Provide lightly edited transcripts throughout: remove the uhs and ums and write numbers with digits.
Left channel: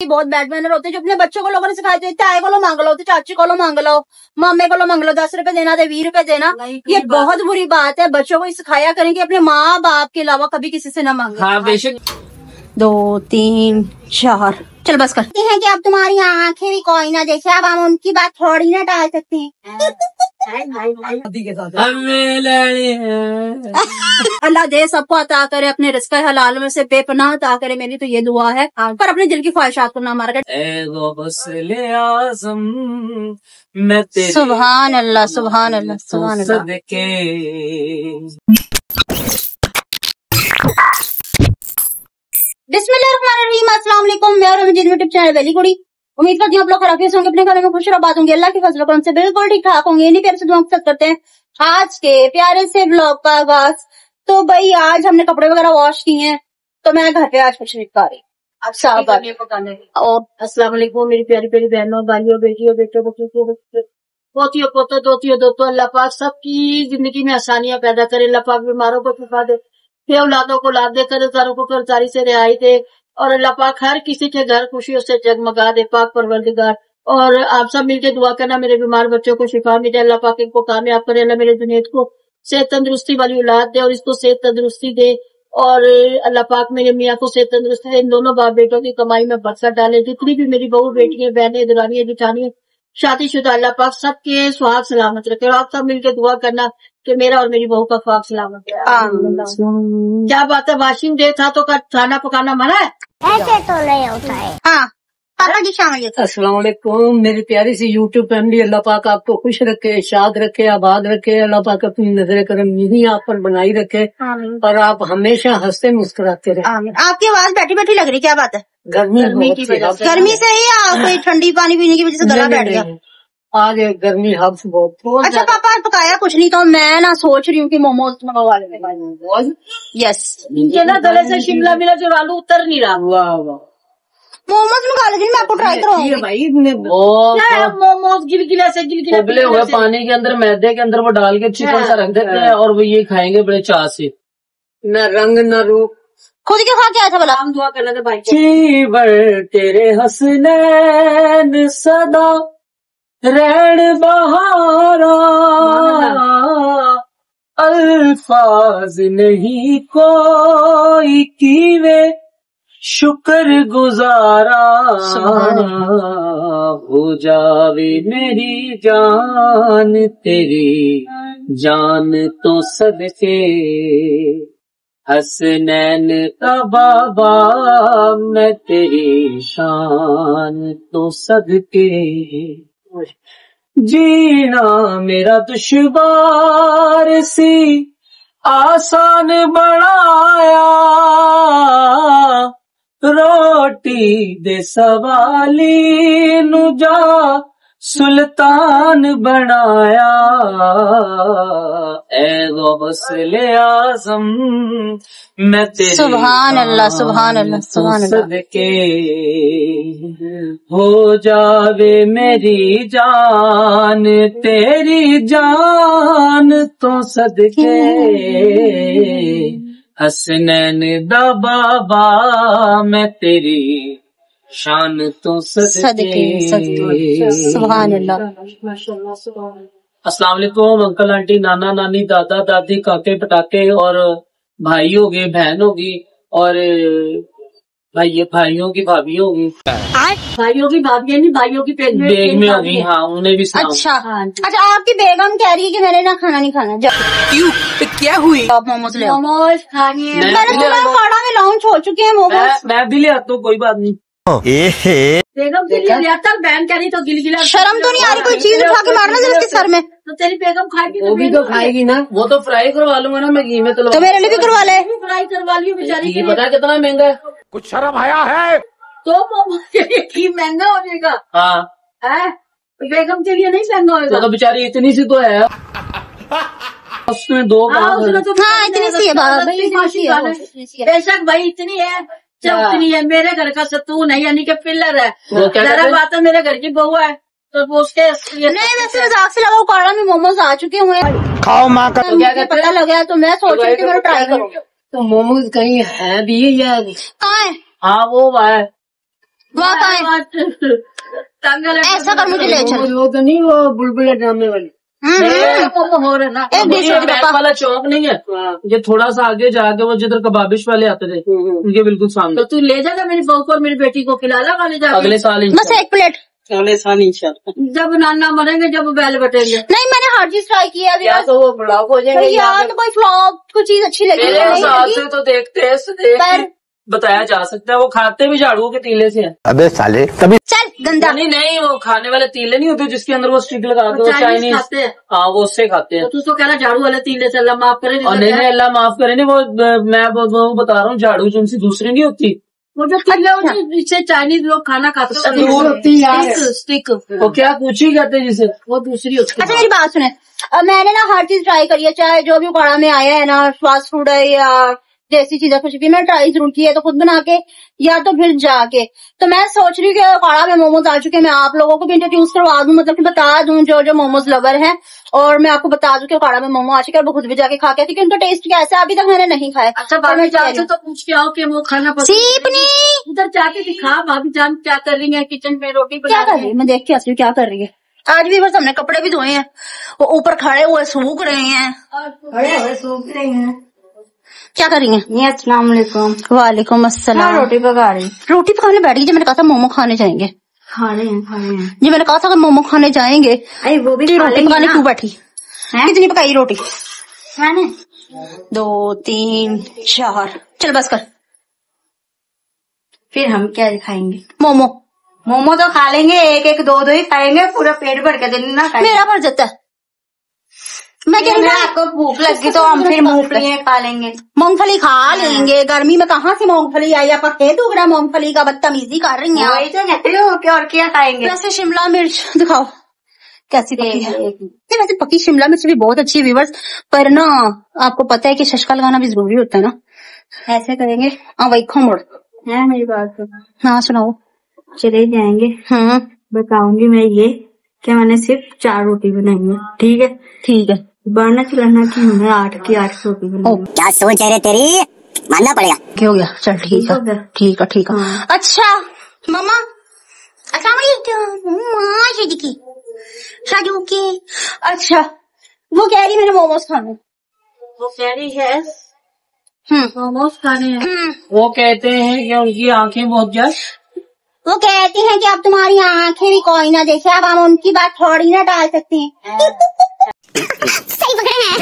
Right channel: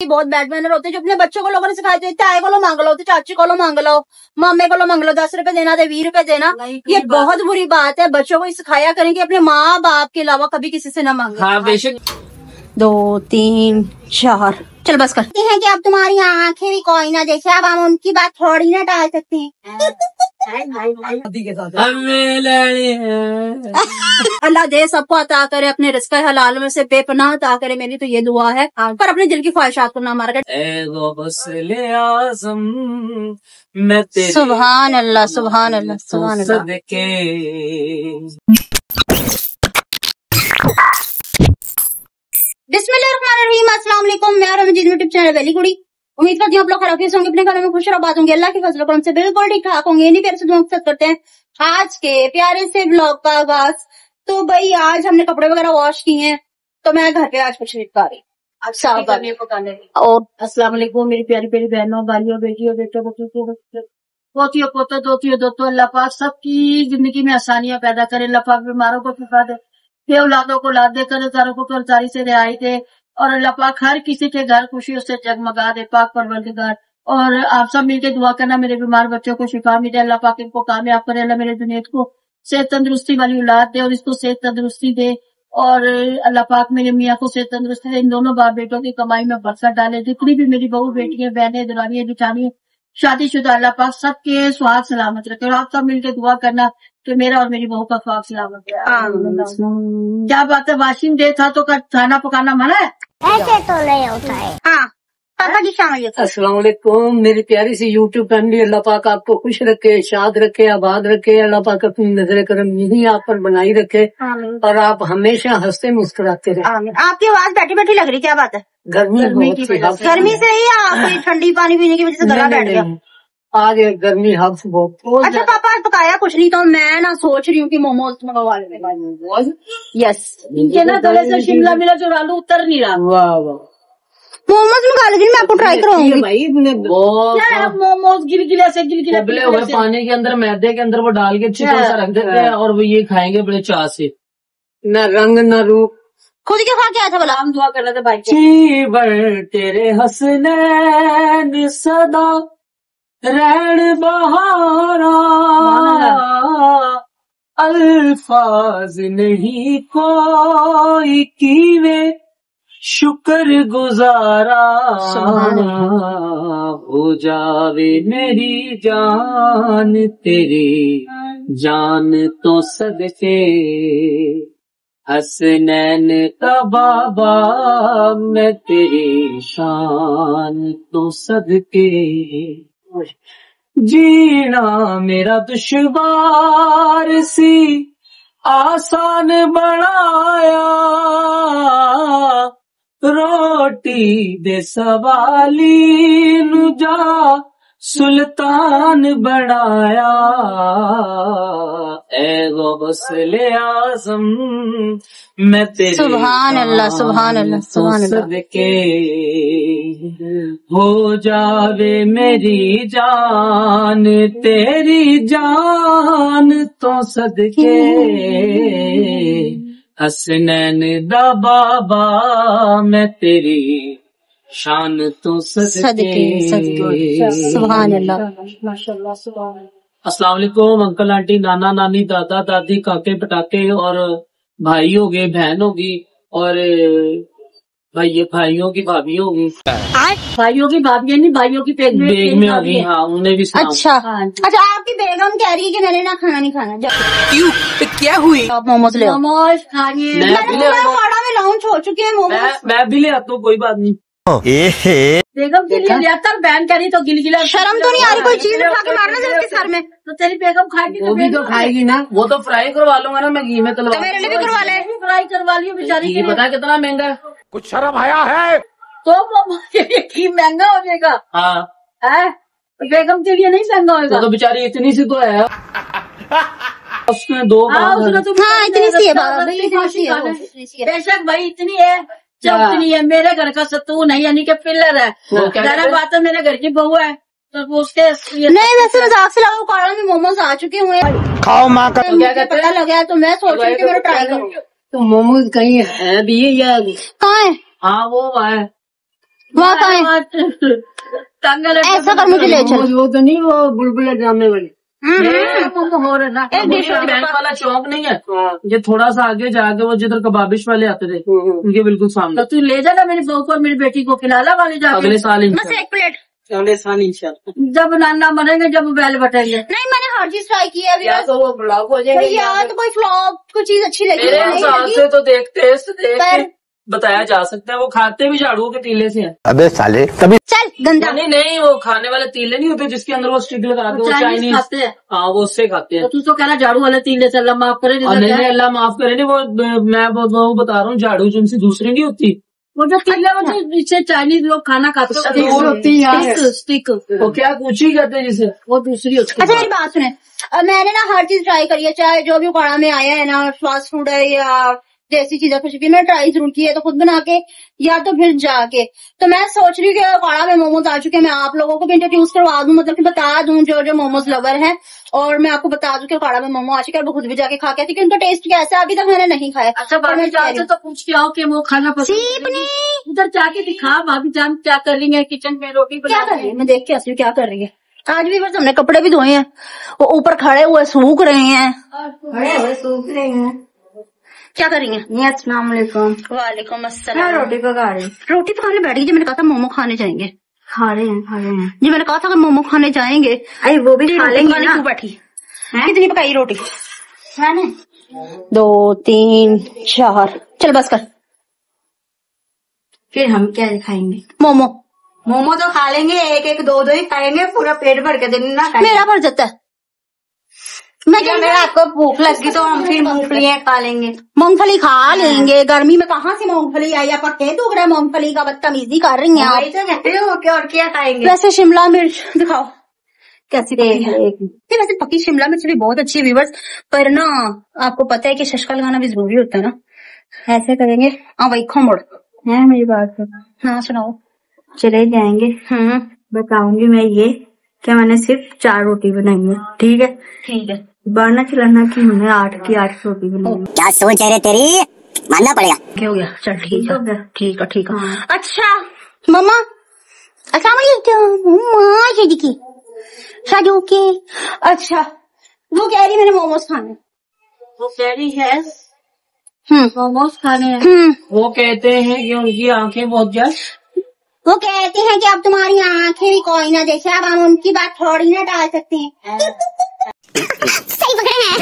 बहुत bad manner होते हैं जो अपने बच्चों को लोगों ने सिखाए थे, चाय को लो मांग लो, तो चाची को लो मांग लो, मामे को लो मांग लो, 10 रुपए देना दे 20 रुपए देना। ये बहुत बुरी बात है। बच्चों को सिखाया करें कि अपने माँ बाप के अलावा कभी किसी से ना मांगे। हाँ बेशक। 2 3 4 चल बस करते हैं कि अब तुम्हारी आंखें भी कोई ना देखे, अब हम उनकी बात थोड़ी ना टाल सकते हैं। अल्लाह दे सबको अता करे, अपने रिज़्क़ हलाल में से बेपनाह अता करे, मेरी तो ये दुआ है। पर अपने दिल की ख्वाहिशात को ना मार आज़म मैं तेरे सुभान अल्लाह सुभान अल्लाह सुभान अल्लाह। बिस्मिल्लाहिर्रहमानिर्रहीम, अस्सलाम वालेकुम। मैं और मजीद यूट्यूब चैनल वेली कुड़ी। उम्मीद करती हूँ आप लोग खैरियत से होंगे, अपने घरों में खुश और आबाद होंगे, अल्लाह के फजल करम से बिल्कुल ठीक ठाक होंगे। इन्हीं प्यार से दुआ करते हैं आज के प्यारे से ब्लॉग का आगाज। तो भाई आज हमने कपड़े वगैरह वॉश किए हैं, तो मैं घर पे आज कुछ पका रही अब साहब। और अस्सलाम वालेकुम मेरी प्यारी प्यारी बहनों, भाइयों, बेटियों, बेटों, पोतियों, पोतों, दोतियों, दोस्तों। अल्लाह पाक सबकी जिंदगी में आसानियां पैदा करे। अल्लाह पाक बीमारों को शिफा दे, औलादों को लाद दे, कर्जदारों को कर्जदारी से रिहाई दे, और अल्लाह पाक हर किसी के घर खुशियों से जगमगा दे। पाक परवरदिगार। और आप सब मिलके दुआ करना मेरे बीमार बच्चों को शिफा मिले, अल्लाह पाक इनको कामयाब करे, अल्लाह मेरे जुनैद को सेहत तंदुरुस्ती वाली औलाद दे और इसको सेहत तंदुरुस्ती दे, और अल्लाह पाक मेरे मियाँ को सेहत तंदुरुस्त है। इन दोनों बाप बेटों की कमाई में बरकत डाले। जितनी भी मेरी बहू बेटियां, बहनें, दुरानियां, जिठानियां शादीशुदा, अल्लाह पाक सबके सुहाग सलामत रखे। और आप सब मिलकर दुआ करना कि मेरा और मेरी बहू का सुहाग सलामत है। क्या बात है, वाशिंग डे था तो खाना पकाना मना है? ऐसे तो नहीं होता है। हाँ पापा जी शाम। अस्सलाम वालेकुम मेरी प्यारी सी यूट्यूब फैमिली। अल्लाह पाक आपको खुश रखे, शाद रखे, आबाद रखे। अल्लाह पाक अपनी नजर करम यही आप पर बनाई रखे और आप हमेशा हंसते मुस्कुराते रहे। आपकी आवाज बैठी बैठी लग रही, क्या बात है? गर्मी गर्मी से ही या कोई ठंडी पानी पीने की वजह से गला बैठ गया? आज गर्मी हब्स बहुत। अच्छा पापा आज पकाया कुछ नहीं, तो मैं ना सोच रही हूँ कि मोमोज मंगवा लें। यस ये ना गले से शिमला मिर्च और आलू उतर नहीं रहा। मोमोज मंगा लीजिए, मैं आपको ट्राई करूंगी। भाई मोमोज गिलगिले से गिलगिले हुए पानी के अंदर, मैदे के अंदर वो डाल के चिकन सा रख देते हैं और वो ये खाएंगे बड़े चाह से। न रंग न रूप। खुद के खा के आया था भला? हम दुआ करना था भाई जीवर तेरे हसनैन सदा रैन बहारा, अल्फाज नहीं कोई कीवे शुक्र गुजारा, हो जावे मेरी जान तेरी जान तो सदके, हसनैन का बाबा मैं तेरी शान तो सदके, जीना मेरा दुश्वार सी आसान बनाया, रोटी दे सवाली नु जा सुल्तान बनाया, ए गौसले आज़म मैं तेरे सुभान अल्लाह सुभान अल्लाह सुभान अल्लाह। सदके हो जावे मेरी जान तेरी जान तो सदके, हसनैन दा बाबा मैं तेरी शान तो सदके सदके। सुभान अल्लाह माशाल्लाह सुभान। अस्सलाम वालेकुम अंकल आंटी, नाना नानी, दादा दादी, काके पटाके, और भाई होगे, बहन होगी, और भाइयों की भाभी होगी, भाइयों की भाभी नहीं, भाइयों की बेग में होगी। हाँ उन्हें भी सलाम। अच्छा अच्छा आपकी बेगम कह रही है कि मैंने ना खाना नहीं खाना। क्यों क्या हुई? आप मोमोज ले आओ। मोमोज खाएंगे। खाना में लॉन्च हो चुके हैं मोमोज। मैं भी ले आता हूँ, कोई बात नहीं। बेगम के लिए ले आता, बहन कह रही तो गिलगिला। शर्म तो नहीं आ रही? कोई चीज उठा के मारना जरा इसके सर में। तो तेरी बेगम खाएगी वो भी तो खाएगी ना, वो तो फ्राई करवा लूंगा ना मैं घी में। तो मेरे लिए भी करवा ले। फ्राई करवा लियो बेचारी के लिए। पता कितना महंगा है? कुछ शर्म आया है? तो मोमोज के लिए घी महंगा हो जाएगा। हाँ है बेगम के लिए नहीं महंगा होगा। तो बेचारी इतनी सी तो है, उसने 2 इतनी सी है बेशक भाई इतनी है, चौकनी है। मेरे घर का सतून है, यानी कि पिलर है। जरा बात है, मेरे घर की बहू है तो उसके नहीं, वैसे मजाक से लगा काड़ा में मोमोज आ चुके हुए हैं। खाओ माँ का। मुझे पता लगा तो मैं सोच रही थी मैं ट्राई करूँ। तो मोमोज कहीं है भी या कहाँ है? हाँ वो है वहाँ कहाँ है? टांगा ऐसा कर मुझे ले चल। वो तो नहीं, वो बुलबुले ड्रामे वाली नहीं, हो रहा ना। एक दूसरे के बैंक पापा वाला चौक नहीं है, ये थोड़ा सा आगे जाके वो जिधर कबाबिश वाले आते थे उनके बिल्कुल सामने। तो तू ले जाना मेरी बहू को और मेरी बेटी को खिलाना वाले जाके। अगले साल बस एक प्लेट। अगले साल इंशाल्लाह। जब नाना मरेंगे, जब बैल बटेंगे, नहीं मैंने हर चीज ट्राई की है अभी बस। तो वो ब्लॉक हो अरे जाएगा। यार तो कोई फ्लॉप कोई चीज अच्छी लगी मेरे नहीं हिसाब लगी। से तो देखते पर बताया जा सकता है, वो खाते भी झाड़ू के तीले से है। अबे साले तभी चल गंदा। नहीं नहीं, वो खाने वाले तीले नहीं होते जिसके अंदर वो स्टिक लगा के वो चाइनीज चाइनीज, खाते हैं। हाँ वो उससे खाते हैं। तो तू तो कह रहा झाड़ू वाले तीले से, अल्लाह माफ करे। और नहीं नहीं, अल्लाह माफ करे, नहीं वो मैं वो बता रहा हूँ, झाड़ू जिनसे दूसरी नहीं होती। वो जो तीले होते हैं जिससे चाइनीज लोग खाना खाते हैं, वो होती है यार। स्टिक, तो क्या पूछ ही करते जिसे। वो दूसरी होती अच्छा है। मेरी बात सुने, मैंने ना हर चीज ट्राई करी है, चाहे जो भी उकाड़ा में आया है ना, फास्ट फूड है या जैसी चीजें कुछ भी, मैं ट्राई जरूर की है, तो खुद बना के या तो फिर जाके। तो मैं सोच रही हूँ कि उकाड़ा में मोमोज आ चुके हैं, मैं आप लोगों को भी इंट्रोड्यूस करवा दूं, मतलब कि बता दूं जो जो मोमोज लवर है, और मैं आपको बता दूं कि उकाड़ा में मोमो आ चुके हैं, वो खुद भी जाके खा के आती, कि उनका टेस्ट कैसा है अभी तक मैंने नहीं खाया। अच्छा पर भाभी मैं जान से तो पूछ के आओ कि वो खाना पसंद सीपनी उधर जाके दिखा भाभी जान क्या कर रही है किचन में, रोटी क्या बना कर रही है, मैं देख के आती हूँ क्या कर रही है। आज भी बस हमने कपड़े भी धोए हैं, वो ऊपर खड़े हुए सूख रहे हैं। खड़े हुए सूख रहे हैं। क्या कर रही हैं? ये अस्सलाम वालेकुम। वालेकुम अस्सलाम। रोटी पका रही, रोटी पकाने बैठ गई जी, मैंने कहा था मोमो खाने जाएंगे। खा रहे हैं। जी मैंने कहा था कि मोमो खाने जाएंगे, अरे वो भी तो रोटी पकाने क्यों बैठी? कितनी पकाई रोटी? 2 3 4, चल बस कर। फिर हम क्या खाएंगे? मोमो मोमो तो खा लेंगे, एक एक दो दो ही खाएंगे, पूरा पेट भर के दिन ना खाएंगे। मेरा भर जाता है। मैं क्या आपको भूख लगी तो हम फिर मूंगफली खा लेंगे। मूंगफली खा लेंगे, गर्मी में कहाँ से मूंगफली आई? आप खेत उग रहा मूंगफली का, बदतमीजी कर रही हैं आप। वही तो कहते हो कि और क्या खाएंगे। कैसे शिमला मिर्च दिखाओ कैसी पकी है। नहीं वैसे पकी शिमला मिर्च भी बहुत अच्छी है व्यूअर्स, पर ना आपको पता है कि शशका लगाना भी जरूरी होता है ना। ऐसे करेंगे? हाँ वही खो मोड़। है मेरी बात सुनो। हाँ सुनाओ। चले जाएंगे, बताऊंगी मैं ये क्या मैंने सिर्फ 4 रोटी बनाई है, ठीक है? ठीक है। बढ़ना चलाना की हमने 8 की 8 रोटी बनाई है। क्या सोच है रे तेरी, मानना पड़ेगा। क्या हो गया? चल ठीक है ठीक है ठीक है। अच्छा मम्मा अस्सलाम वालेकुम की शादू के। अच्छा वो कह रही मैंने मोमोज खाने। वो कह रही है मोमोज खाने हैं। वो कहते हैं कि उनकी आंखें बहुत ज्यादा, वो कहते हैं कि अब तुम्हारी आंखें भी कोई ना देखे, अब हम उनकी बात थोड़ी ना टाल सकते हैं। सही पकड़े हैं।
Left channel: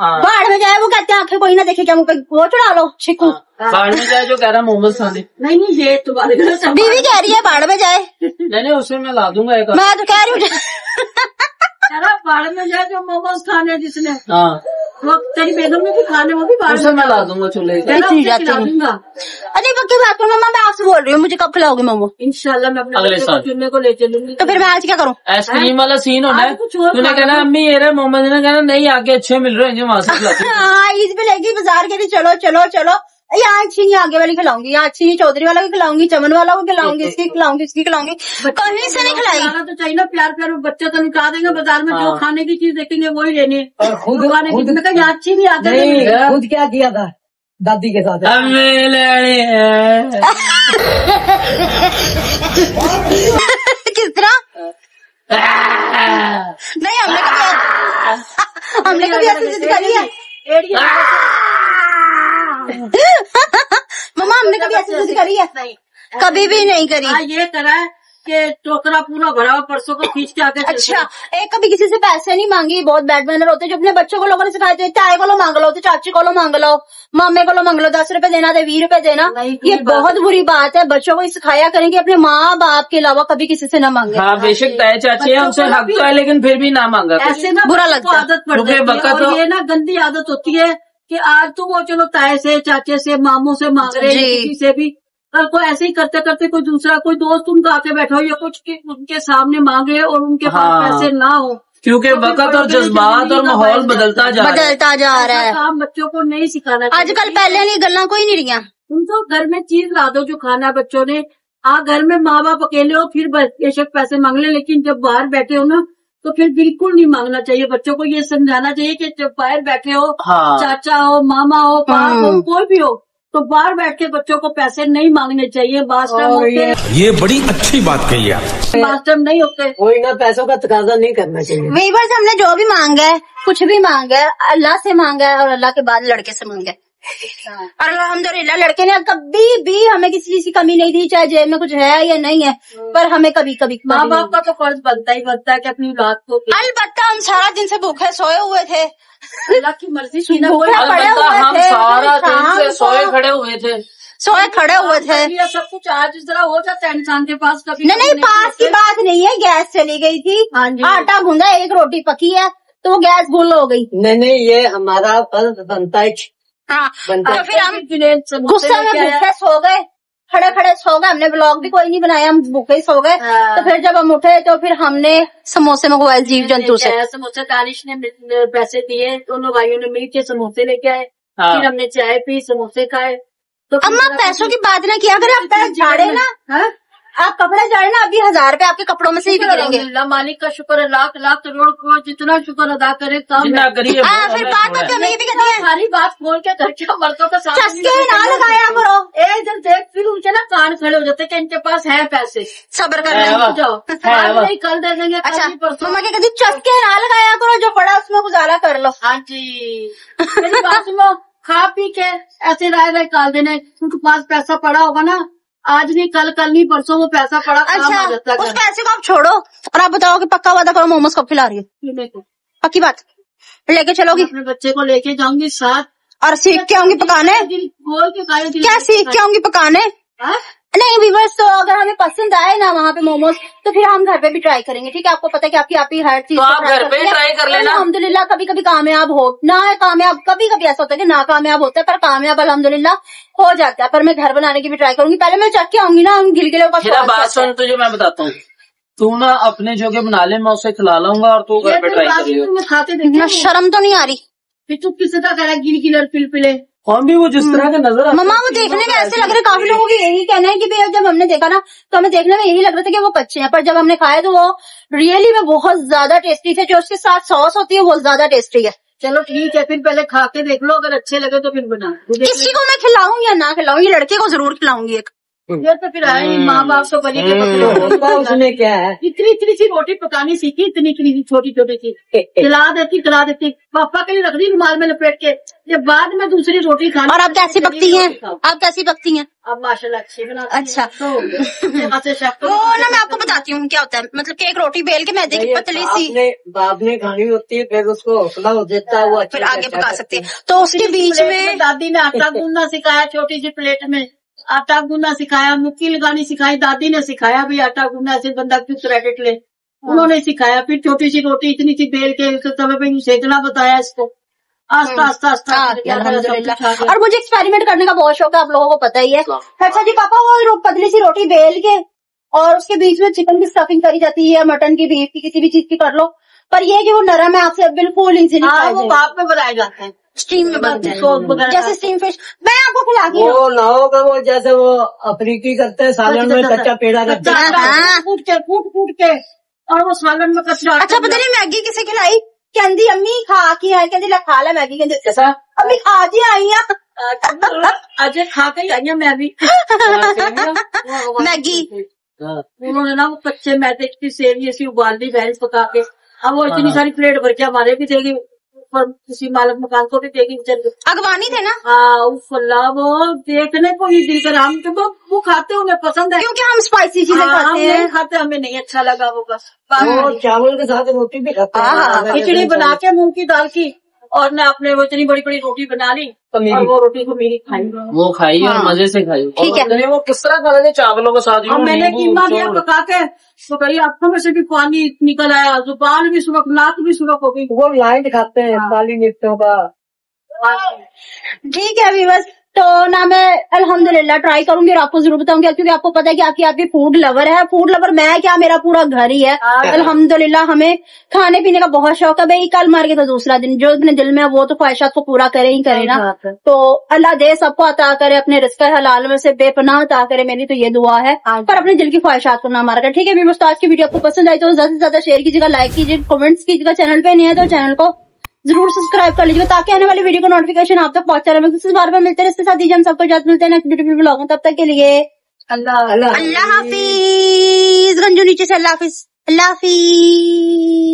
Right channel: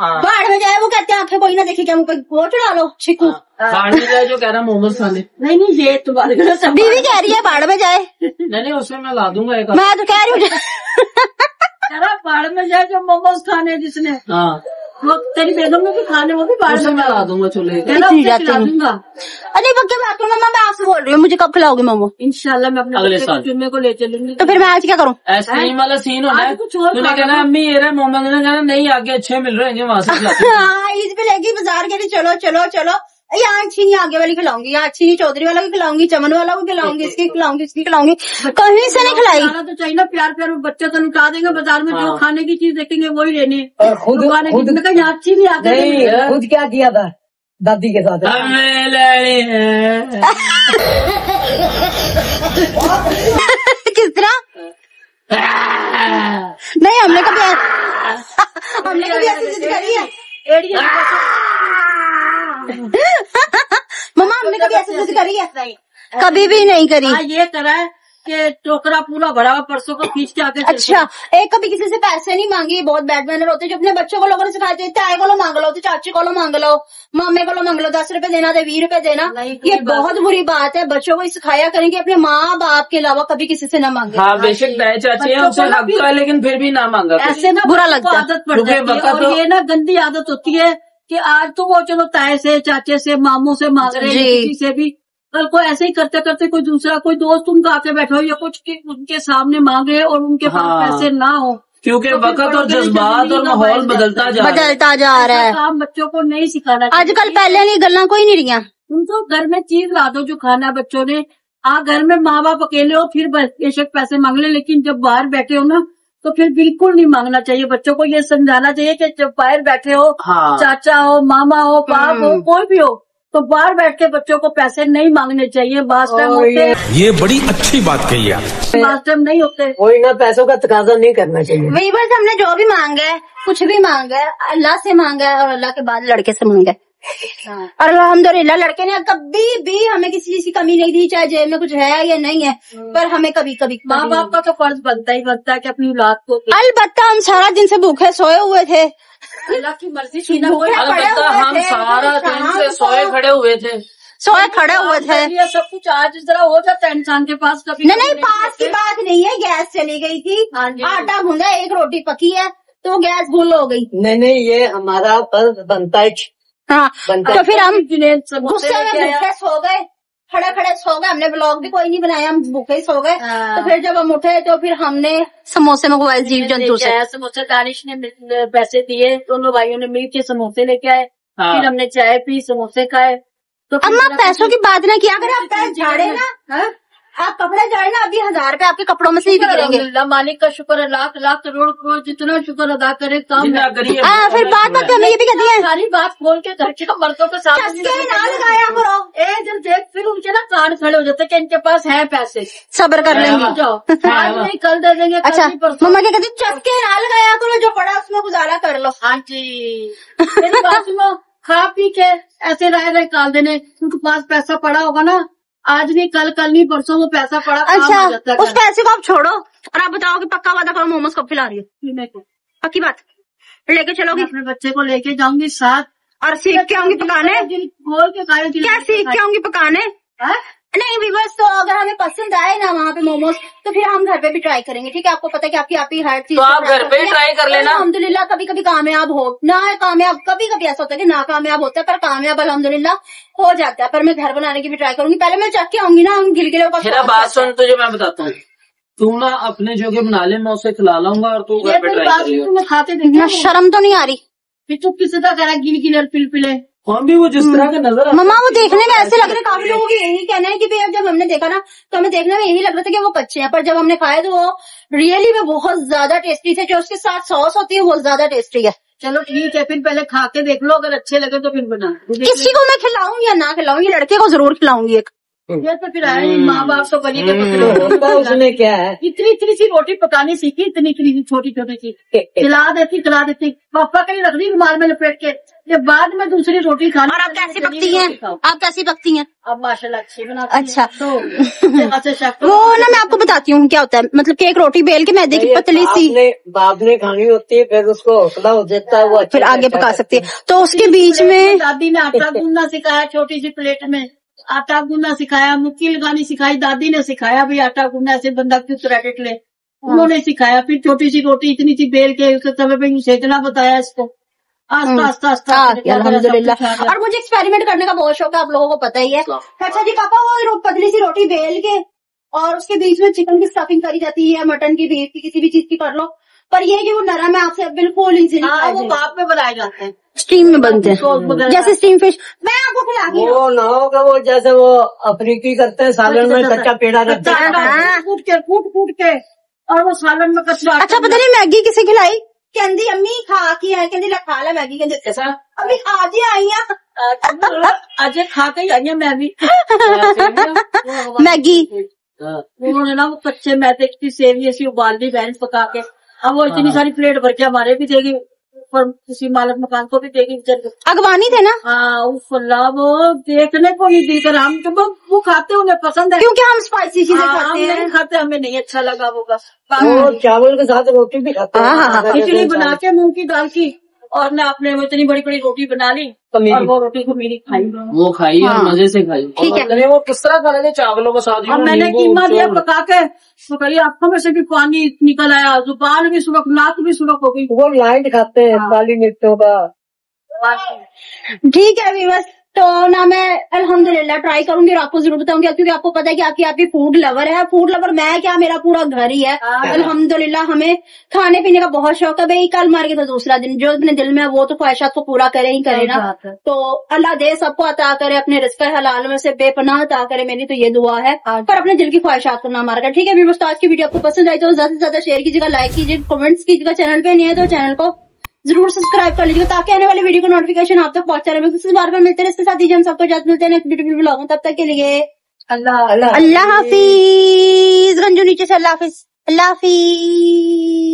बाढ़ में जाए वो कहते हैं आंखें कोई ना देखे, क्या मुंह पे वो चढ़ा लो छिकू। बाढ़ में जाए जो कह रहा मोमोज खाने। नहीं ये तुम्हारे घर से बीवी कह रही है बाढ़ में जाए, नहीं उसमें मैं ला दूंगा एक। मैं तो कह रही हूँ बाढ़ में जाए जो मोमोज खाने जिसने, हाँ वो तेरी बेगम में भी खाने, वो भी बाढ़ उसमें में मैं ला दूंगा चूल्हे का। इतनी जाती खिला हूँ। दूंगा। अरे पक्की बात करो मम्मा, मैं आपसे बोल रही हूँ, मुझे कब खिलाओगे मोमो? इंशाल्लाह मैं अपने अगले बच्चे को साल। चुनने को ले चलूंगी। तो फिर मैं आज क्या करूँ? आइसक्रीम वाला सीन होना है। आज कुछ और तूने खा कहना लो। अम्मी ये रहे मोमोज, ने कहना नहीं आगे अच्छे मिल रहे हैं वहां से खिलाते हैं। हाँ इस पे लेगी बाजार के लिए, चलो चलो चलो। यहाँ अच्छी नहीं आगे वाली खिलाऊंगी, यहाँ अच्छी नहीं चौधरी वाला को खिलाऊंगी, चमन वाला को खिलाऊंगी, इसकी खिलाऊंगी, इसकी खिलाऊंगी, कहीं से नहीं खिलाई। खाना तो चाहिए ना, प्यार प्यार बच्चे तो लुटा देंगे बाजार में, जो हाँ। खाने की चीज देखेंगे वही लेने। खुद खाने की मैं कहीं अच्छी नहीं आती। नहीं खुद क्या किया था दादी के साथ? हमें लड़े हैं। किस तरह? नहीं हमने कभी ऐसी जिद करी है? मम्मा हमने कभी ऐसी जिद करी है? कभी भी नहीं करी। हाँ ये तरह के टोकरा पूरा भरा हुआ परसों को खींच के आके अच्छा एक कभी किसी से पैसे नहीं मांगी, बहुत बैड मैनर होते जो अपने बच्चों को लोगों ने सिखाए थे। ताए को लो मांग लो, तो चाची को लो मांग लो, मामे को लो मांग लो, 10 रुपए देना थे 20 रुपए देना। ये बहुत बुरी बात है, बच्चों को सिखाया करें कि अपने माँ बाप के अलावा कभी किसी से न मांगे। हाँ बेशक दाए चाची है, हमसे हक है, लेकिन फिर भी ना मांगा करें। ऐसे ना बुरा बच्चों लगता को है। आदत पड़ क्योंकि जाती है। बच्चा और तो- ये ना गंदी आदत होती है कि आज तो वो चलो ताए से चाचे से मामू से मांग रहे हैं, जी। किसी से भी, कल को ऐसे ही करते करते कोई दूसरा कोई दोस्त उनका आके बैठा हो या कुछ कि उनके सामने मांगे और उनके पास हाँ। पैसे ना हो, क्योंकि तो फिर वक्त और बड़ी जज्बात जिंदगी और का माहौल बायस बदलता जा रहा है। बदलता जा रहा है। काम बच्चों को नहीं सिखाना चाहिए। आजकल पहले नहीं गल्ला कोई नहीं रही। तुम तो घर में चीज ला दो जो खाना है बच्चों ने। घर में माँ बाप अकेले हो फिर बेशक पैसे मांग ले, लेकिन जब बाहर बैठे हो ना तो फिर बिल्कुल नहीं मांगना चाहिए। बच्चों को ये समझाना चाहिए कि जब बाहर बैठे हो, हाँ। चाचा हो, मामा हो, बाप हो, कोई भी हो, तो बाहर बैठ के बच्चों को पैसे नहीं मांगने चाहिए। बास टाइम होते, ये बड़ी अच्छी बात कही आप। बास टाइम नहीं होते। कोई ना, पैसों का तकाजा नहीं करना चाहिए। वीवर्स, हमने जो भी मांगा है, कुछ भी मांगा है, अल्लाह से मांगा है और अल्लाह के बाद लड़के से मांगा है। और अल्हम्दुलिल्लाह लड़के ने कभी भी हमें किसी चीज की कमी नहीं दी, चाहे जेब में कुछ है या नहीं है, पर हमें कभी कभी माँ बाप का तो फर्ज बनता ही बनता है कि अपनी औलाद को। अलबत्ता हम सारा दिन से भूखे सोए हुए थे, अल्लाह की मर्जी थी ना। अलबत्ता हम सारा दिन से सोए खड़े हुए थे। ये सब कुछ आज इस तरह हो जाता है इंसान के पास कभी। नहीं, पास की बात नहीं है, गैस चली गई थी, आटा गूंदा, एक रोटी पकी है तो गैस गुल हो गई। नहीं, ये हमारा फर्ज बनता है। हाँ, तो फिर हम गुस्से में भूखे सो गए, खड़े खड़े सो गए। हमने ब्लॉग भी कोई नहीं बनाया, हम भूखे ही सो गए। तो फिर जब हम उठे तो फिर हमने समोसे मंगवाए जीव जंतु से। समोसे दानिश ने पैसे दिए, दोनों भाइयों ने मिल के समोसे लेके आए। फिर हमने चाय पी, समोसे खाए। तो अम्मा पैसों की बात ना किया करें, आप झाड़े ना, आप कपड़े झाड़े ना, अभी 1000 रुपए आपके कपड़ों में से ही गिरेंगे। मालिक का शुक्र है, लाख लाख करोड़ करोड़ जितना शुक्र अदा करे काम करिए। फिर बात तो हमें ये भी कहती है, सारी बात खोल के घर के मर्दों के साथ चस्के ना लगाया करो। जब देख फिर उनके ना कान खड़े हो जाते कि इनके पास है पैसे, सब्र कर लेंगे, जाओ आज नहीं कल दे देंगे। अच्छा मम्मा क्या कहती, चस्के ना लगाया करो, जो पड़ा उसमें गुजारा कर लो। हाँ जी, मेरी बात सुनो, खा पी के ऐसे रह काल देने, उनके पास पैसा पड़ा होगा ना, आज नहीं कल नहीं परसों वो पैसा पड़ा काम अच्छा, हो जाता है। उस पैसे को आप छोड़ो और आप बताओ कि पक्का वादा करो, मोमोज कब खिला रही है? पक्की बात लेके चलोगी? अपने बच्चे को लेके जाऊंगी साथ, और सीख के आऊंगी पकाने। बोल के खाए, क्या सीख के आऊंगी पकाने? नहीं व्यूअर्स, तो अगर हमें पसंद आए ना वहाँ पे मोमोज, तो फिर हम घर पे भी ट्राई करेंगे। ठीक है, आपको पता है कि आपकी हर चीज तो आप घर पे ट्राई कर लेना। अल्हम्दुलिल्लाह कभी कभी कामयाब हो ना है, कामयाब कभी कभी ऐसा होता है कि ना कामयाब होता है, पर कामयाब अल्हम्दुलिल्लाह हो जाता है। पर मैं घर बनाने की भी ट्राई करूंगी, पहले मैं चख के आऊंगी ना गिलगिले का। बात सुन, तुझे मैं बताता हूँ, तू ना अपने जगह बना ले, मैं उसे खिला लाऊंगा और तू घर पे ट्राई करेगा। खाते देखना, शर्म तो नहीं आ रही? फिर तू किसी का कह रहा है गिल पिलपिले, हम भी वो जिस तरह का नजर मम्मा वो देखने में ऐसे लग रहे, काफी लोगों की यही कहना है कि भैया जब हमने देखा ना तो हमें देखने में यही लग रहा था कि वो कच्चे हैं, पर जब हमने खाए तो वो रियली में बहुत ज्यादा टेस्टी थे। जो उसके साथ सॉस होती है वो ज्यादा टेस्टी है। चलो ठीक है, फिर पहले खा के देख लो, अगर अच्छे लगे तो फिर बना। किसी को मैं खिलाऊं या ना खिलाऊं, ये लड़के को जरूर खिलाऊंगी एक। ये तो फिर आए माँ बाप तो बनी के उसने क्या है, इतनी सी रोटी पकानी सीखी, इतनी छोटी सी खिला देती, पापा के लिए रख दी रुमाल में लपेट के, ये बाद में दूसरी रोटी खानी। और आप कैसी पकती हैं? आप कैसी पकती हैं? अब माशाल्लाह अच्छी बनाती हैं। अच्छा तो वो ना मैं आपको बताती हूँ क्या होता है, मतलब कि एक रोटी बेल के मैदे की पतली सी बाप ने खानी होती है, फिर उसको हौसला हो जाता है, वो फिर आगे पका सकती है। तो उसके बीच में दादी ने आटा गूंदना सिखाया, छोटी सी प्लेट में आटा गूंदना सिखाया, मुक्की लगानी सिखाई, दादी ने सिखाया भी आटा गूंदना ऐसे बंदा क्यों क्रेडिट ले, उन्होंने सिखाया। फिर छोटी सी रोटी इतनी सी बेल के उसके तवे पे सेकना बताया इसको, आस्ता आस्ता अल्हम्दुलिल्लाह। और मुझे एक्सपेरिमेंट करने का बहुत शौक है, आप लोगों को पता ही है। अच्छा जी पापा, वो पतली सी रोटी बेल के और उसके बीच में चिकन की स्टफिंग करी जाती है, मटन की, बीफ की, किसी भी चीज की कर लो, पर ये है कि वो नरम है, आपसे बिल्कुल इजीली वो भाप में बनाए जाते हैं, स्टीम में बनते हैं, जैसे स्टीम फिश। मैं आपको खिलाती हूँ। वो ना होगा वो जैसे वो अफ्रीकी करते हैं, सालन में कच्चा पेड़ा रखते हैं, कूट के और वो सालन में कच्चा। अच्छा पता नहीं मैगी किसे खिलाई, कहती अम्मी खा के आए, कहती खा ला मैगी, कहते अम्मी आज ही आई है, आज खा के आई है मैं भी मैगी। उन्होंने ना वो कच्चे मैदे की सेवी ऐसी उबाल दी बहन पका के, अब वो इतनी सारी प्लेट भर के हमारे भी देगी और किसी मालिक मकान को भी देगी। अगवानी थे ना? हाँ फल्ला, वो देखने को ही दिल कर, हम तो वो खाते हमें पसंद है, क्योंकि हम स्पाइसी चीजें खाते हैं। खाते हमें नहीं अच्छा लगा वो, बस चावल के साथ रोटी भी खाते हैं, खिचड़ी बना के मूंग की दाल की, और मैं अपने वो इतनी बड़ी बड़ी रोटी बना ली और वो रोटी को मेरी खाई, वो खाई और मजे से खाई। ठीक है, वो किस तरह खा लेते चावलों के साथ, और मैंने कीमा दिया पका के, तो कही आंखों में से भी पानी निकल आया, जुबान भी सुबह, नाक भी सुबह हो गई। वो लाइट खाते हैं बाली नित्यों का। ठीक है व्यूअर्स, तो ना मैं अल्हम्दुलिल्लाह ट्राई करूंगी और आपको जरूर बताऊंगी, क्योंकि आपको पता है कि आपकी फूड लवर है। फूड लवर मैं क्या, मेरा पूरा घर ही है अल्हम्दुलिल्लाह। हमें खाने पीने का बहुत शौक है भाई, कल मर के तो दूसरा दिन, जो अपने दिल में है वो तो ख्वाहिशात को पूरा करे ही करे ना। तो अल्लाह दे सबको अता करे, अपने रिज़्क़ हलाल में से बेपनाह अता करे, मेरी तो ये दुआ है, पर अपने दिल की ख्वाहिशात को ना मारा कर। ठीक है व्यूअर्स, आज की वीडियो आपको पसंद आई तो ज्यादा से ज्यादा शेयर कीजिएगा, लाइक कीजिएगा, कमेंट्स कीजिएगा। चैनल पे नहीं है तो चैनल को जरूर सब्सक्राइब कर लीजिएगा ताकि आने वाली वीडियो का नोटिफिकेशन आप तक पहुंचा रहे। इस बार में मिलते हैं, इसके साथ दीजिए हम सबको इजाजत, मिलते हैं नेक्स्ट ब्यूटीफुल व्लॉग में। तब तक के लिए अल्लाह अल्लाह हाफिज। गंजू नीचे से अल्लाह हाफिज, अल्लाह हाफिज।